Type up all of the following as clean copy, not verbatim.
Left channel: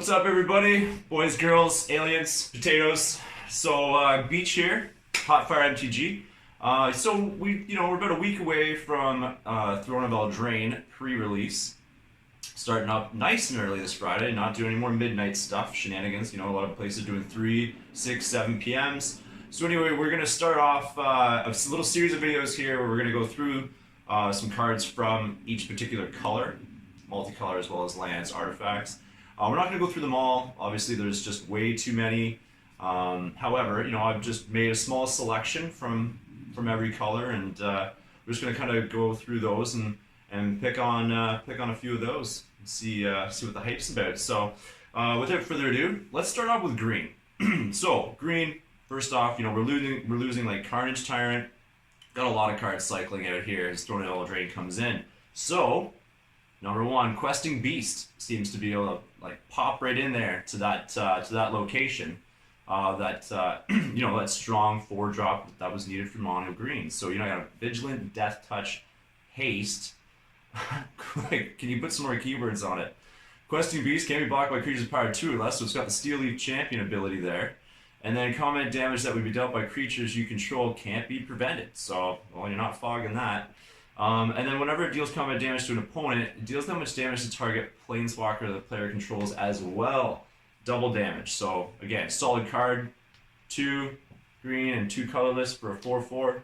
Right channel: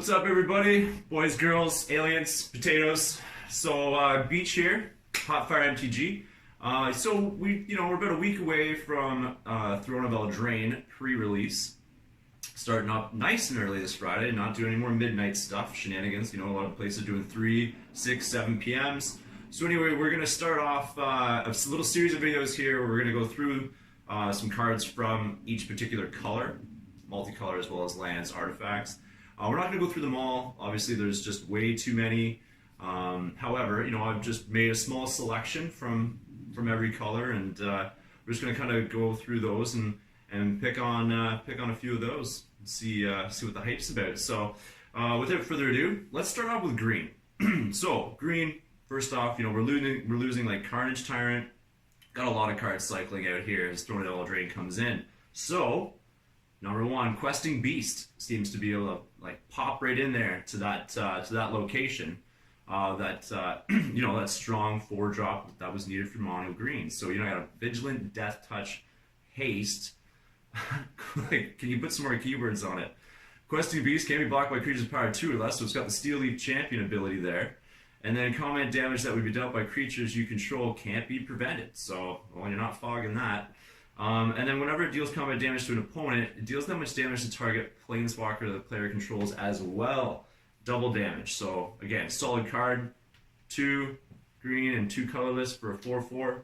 What's up, everybody? Boys, girls, aliens, potatoes. So, Beach here, Hot Fire MTG. We're about a week away from Throne of Eldraine pre-release. Starting up nice and early this Friday, not doing any more midnight stuff, shenanigans. A lot of places doing 3, 6, 7 PMs. So anyway, we're going to start off a little series of videos here where we're going to go through some cards from each particular color, multicolor as well as lands, artifacts. We're not going to go through them all. Obviously, there's just way too many. However, I've just made a small selection from every color, and we're just going to kind of go through those and pick on a few of those and see what the hype's about. So, without further ado, let's start off with green. So, green. First off, we're losing like Carnage Tyrant. Got a lot of cards cycling out here as Throne of Eldraine comes in. So, number one, Questing Beast seems to be able to pop right in there to that location. That strong 4-drop that was needed for mono green. So I got a Vigilant, Death Touch, Haste. Can you put some more keywords on it? Questing Beast can be blocked by creatures power 2 or less, so it's got the Steel Leaf Champion ability there. And then combat damage that would be dealt by creatures you control can't be prevented. So, well, you're not fogging that. And then whenever it deals combat damage to an opponent, it deals that much damage to target planeswalker the player controls as well. Double damage. So, again, solid card. 2 green and 2 colorless for a 4/4.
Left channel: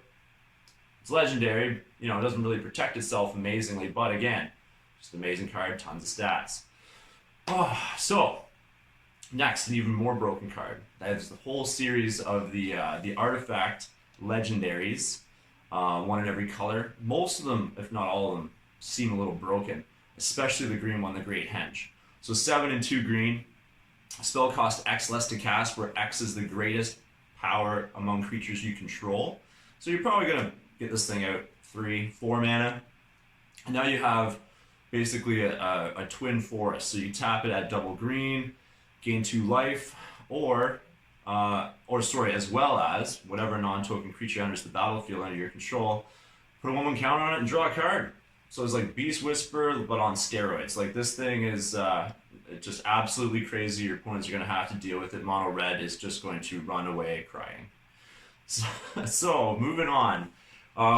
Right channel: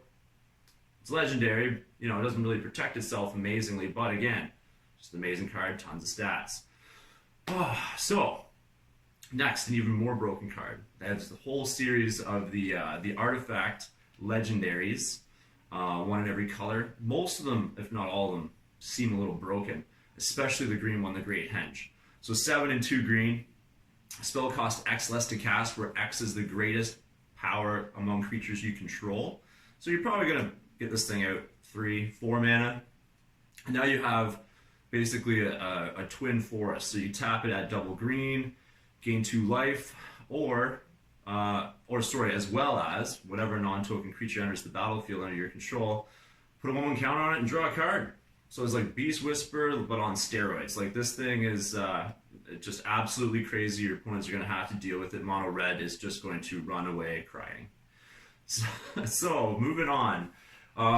It's legendary. It doesn't really protect itself amazingly, but again, just an amazing card, tons of stats. So, next, an even more broken card. That's the whole series of the artifact legendaries. One in every color. Most of them, if not all of them, seem a little broken, especially the green one, the Great Henge. So 7 and 2 green. Spell cost X less to cast, where X is the greatest power among creatures you control. So you're probably going to get this thing out 3, 4 mana. And now you have basically a twin forest. So you tap it at double green, gain 2 life, as well as whatever non-token creature enters the battlefield under your control, put a 1/1 counter on it and draw a card. So it's like Beast Whisper, but on steroids. Like, this thing is just absolutely crazy. Your opponents are going to have to deal with it. Mono red is just going to run away crying. So moving on.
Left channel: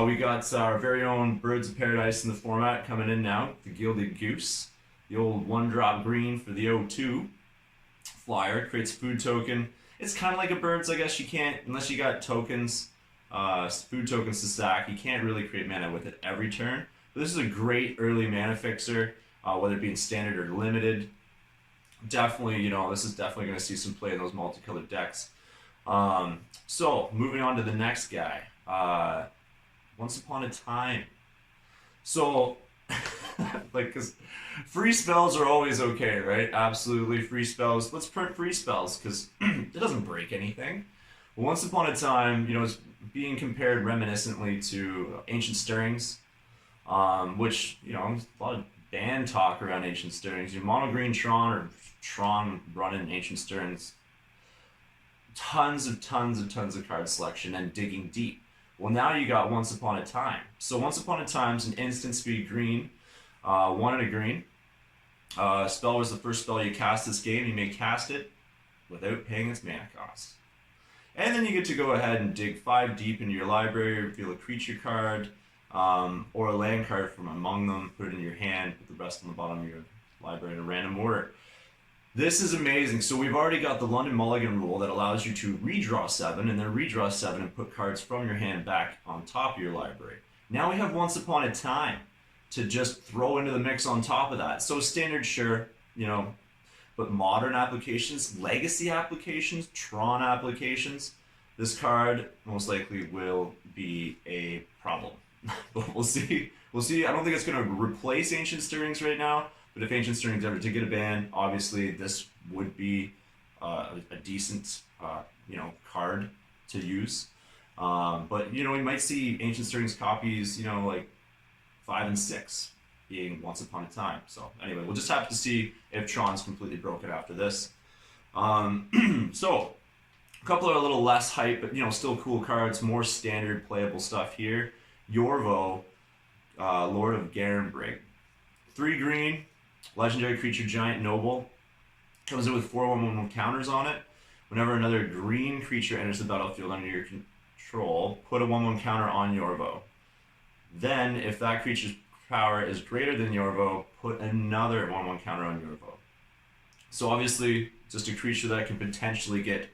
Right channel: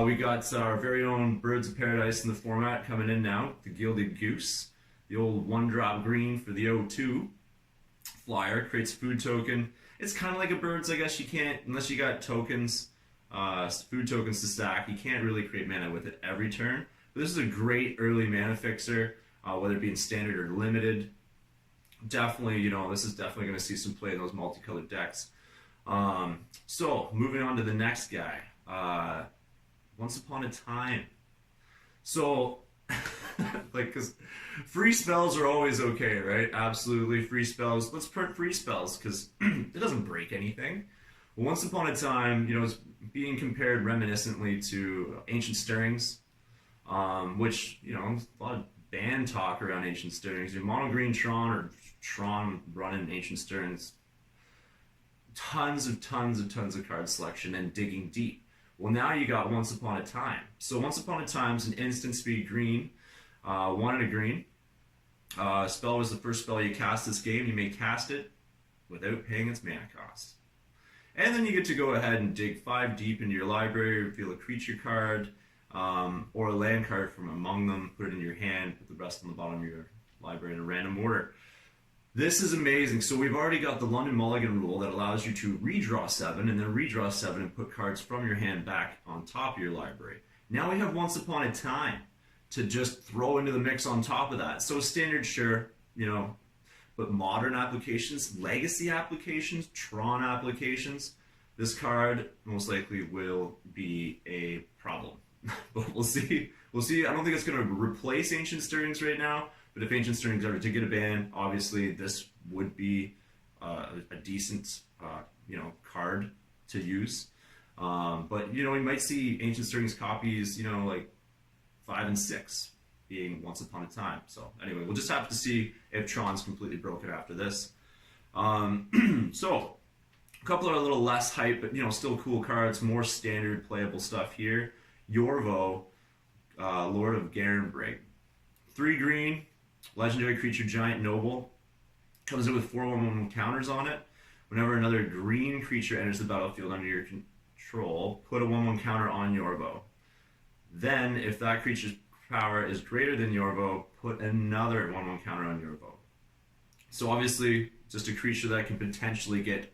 We got our very own Birds of Paradise in the format coming in now. The Gilded Goose. The old 1-drop green for the 0/2. Flyer. Creates food token. It's kind of like a Birds, I guess. You can't, unless you got tokens, food tokens to stack, you can't really create mana with it every turn. But this is a great early mana fixer, whether it be in standard or limited. Definitely, this is definitely going to see some play in those multicolored decks. So, moving on to the next guy. Once Upon a Time. So, because free spells are always okay, right? Absolutely, free spells. Let's print free spells, because it doesn't break anything. Once Upon a Time, it's being compared reminiscently to Ancient Stirrings, which, a lot of ban talk around Ancient Stirrings. Your mono green Tron or Tron running Ancient Stirrings. Tons of card selection and digging deep. Well, now you got Once Upon a Time. So Once Upon a Time's an instant speed green, 1 and a green. Spell was the first spell you cast this game. You may cast it without paying its mana cost. And then you get to go ahead and dig 5 deep into your library, reveal a creature card, or a land card from among them, put it in your hand, put the rest on the bottom of your library in a random order. This is amazing. So we've already got the London Mulligan rule that allows you to redraw 7 and then redraw 7 and put cards from your hand back on top of your library. Now we have Once Upon a Time to just throw into the mix on top of that. So standard, sure, but modern applications, legacy applications, Tron applications, this card most likely will be a problem. But we'll see. I don't think it's going to replace Ancient Stirrings right now. But if Ancient Stirrings ever did get a ban, obviously this would be a decent, card to use. But we might see Ancient Stirrings copies, 5 and 6 being Once Upon a Time. So anyway, we'll just have to see if Tron's completely broken after this. So a couple are a little less hype, but still cool cards, more standard playable stuff here. Yorvo, Lord of Garen. 3 green. Legendary creature, giant noble. Comes in with 4/1/1 counters on it. Whenever another green creature enters the battlefield under your control, put a 1/1 counter on Yorvo. Then, if that creature's power is greater than Yorvo, put another 1/1 counter on Yorvo. So obviously, just a creature that can potentially get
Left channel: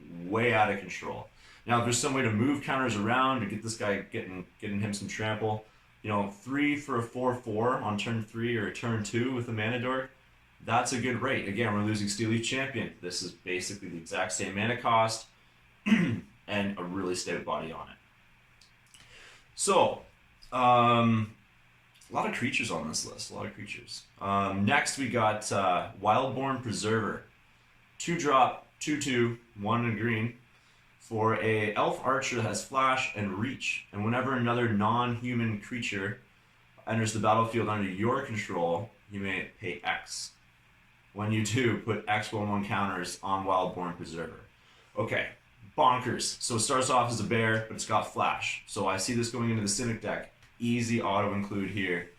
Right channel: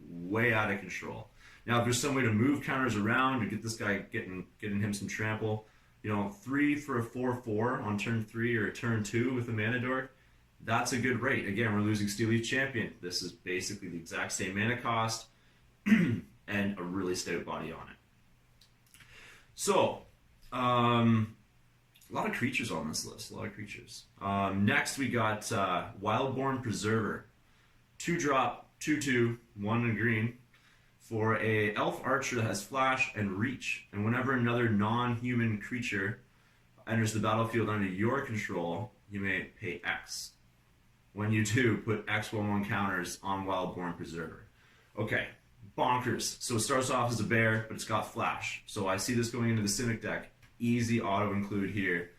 way out of control. Now, if there's some way to move counters around to get this guy getting him some trample, 3 for a 4/4 on turn 3 or turn 2 with the Mana Dork, that's a good rate. Again, we're losing Steelleaf Champion. This is basically the exact same mana cost and a really stout body on it. So, a lot of creatures on this list. A lot of creatures. Next, we got Wildborn Preserver. 2-drop, 2/2, 1 in green. For a elf archer that has flash and reach. And whenever another non-human creature enters the battlefield under your control, you may pay X. When you do, put X 1/1 counters on Wildborn Preserver. Okay, bonkers. So it starts off as a bear, but it's got flash. So I see this going into the Simic deck. Easy auto include here.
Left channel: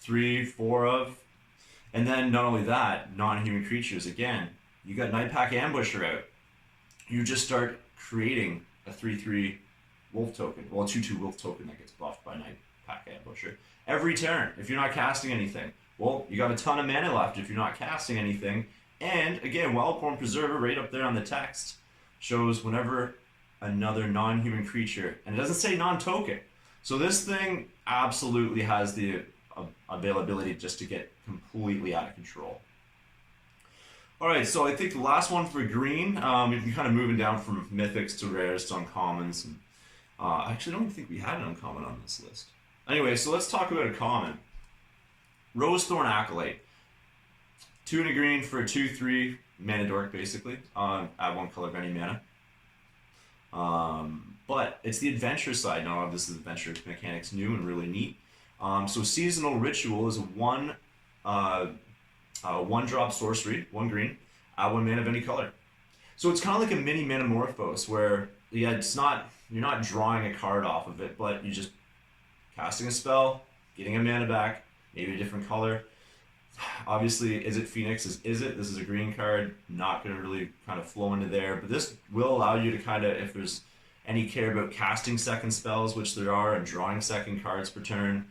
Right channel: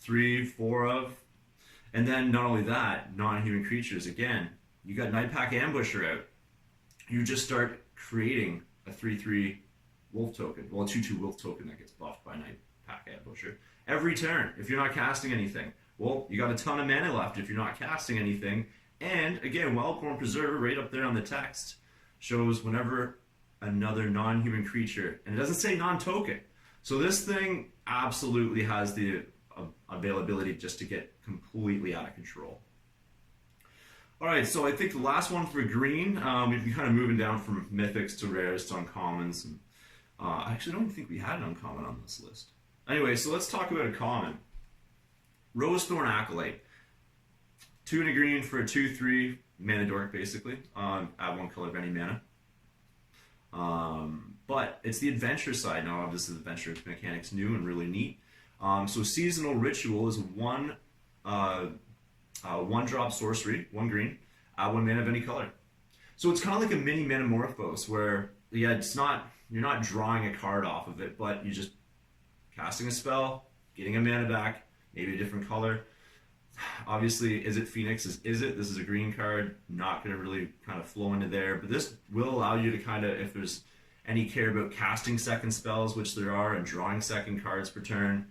3, 4 of. And then not only that, non-human creatures. Again, you got Nightpack Ambusher out. You just start creating a 3/3 wolf token. Well, a 2/2 wolf token that gets buffed by Nightpack Ambusher. Every turn, if you're not casting anything. Well, you got a ton of mana left if you're not casting anything. And again, Wildborn Preserver right up there on the text shows whenever another non-human creature, and it doesn't say non-token. So this thing absolutely has the availability just to get completely out of control. All right, so I think the last one for green, we've been kind of moving down from mythics to rares to uncommons. And, I actually don't even think we had an uncommon on this list. Anyway, so let's talk about a common. Rosethorn Acolyte. 2 and a green for a 2/3 mana dork, basically. Add 1 color of any mana. But it's the adventure side. Now, this is adventure mechanics new and really neat. So Seasonal Ritual is a 1-drop sorcery, 1 green, add 1 mana of any color. So it's kind of like a mini Metamorphose where, yeah, you're not drawing a card off of it, but you're just casting a spell, getting a mana back, maybe a different color. Obviously, Is It Phoenix is it? This is a green card, not going to really kind of flow into there, but this will allow you to kind of, if there's any care about casting second spells, which there are, and drawing second cards per turn,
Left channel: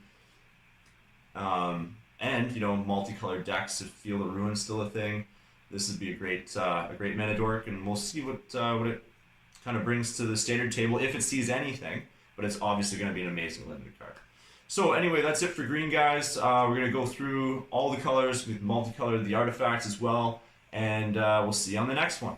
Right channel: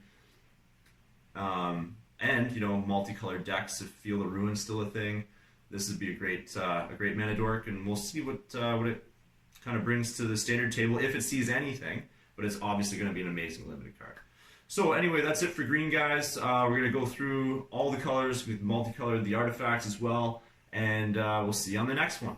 and multicolored decks, if Field of Ruin's still a thing, this would be a great mana dork, and we'll see what it kind of brings to the standard table if it sees anything. But it's obviously going to be an amazing limited card. So anyway, that's it for green, guys. We're going to go through all the colors. We've multicolored the artifacts as well, and we'll see you on the next one.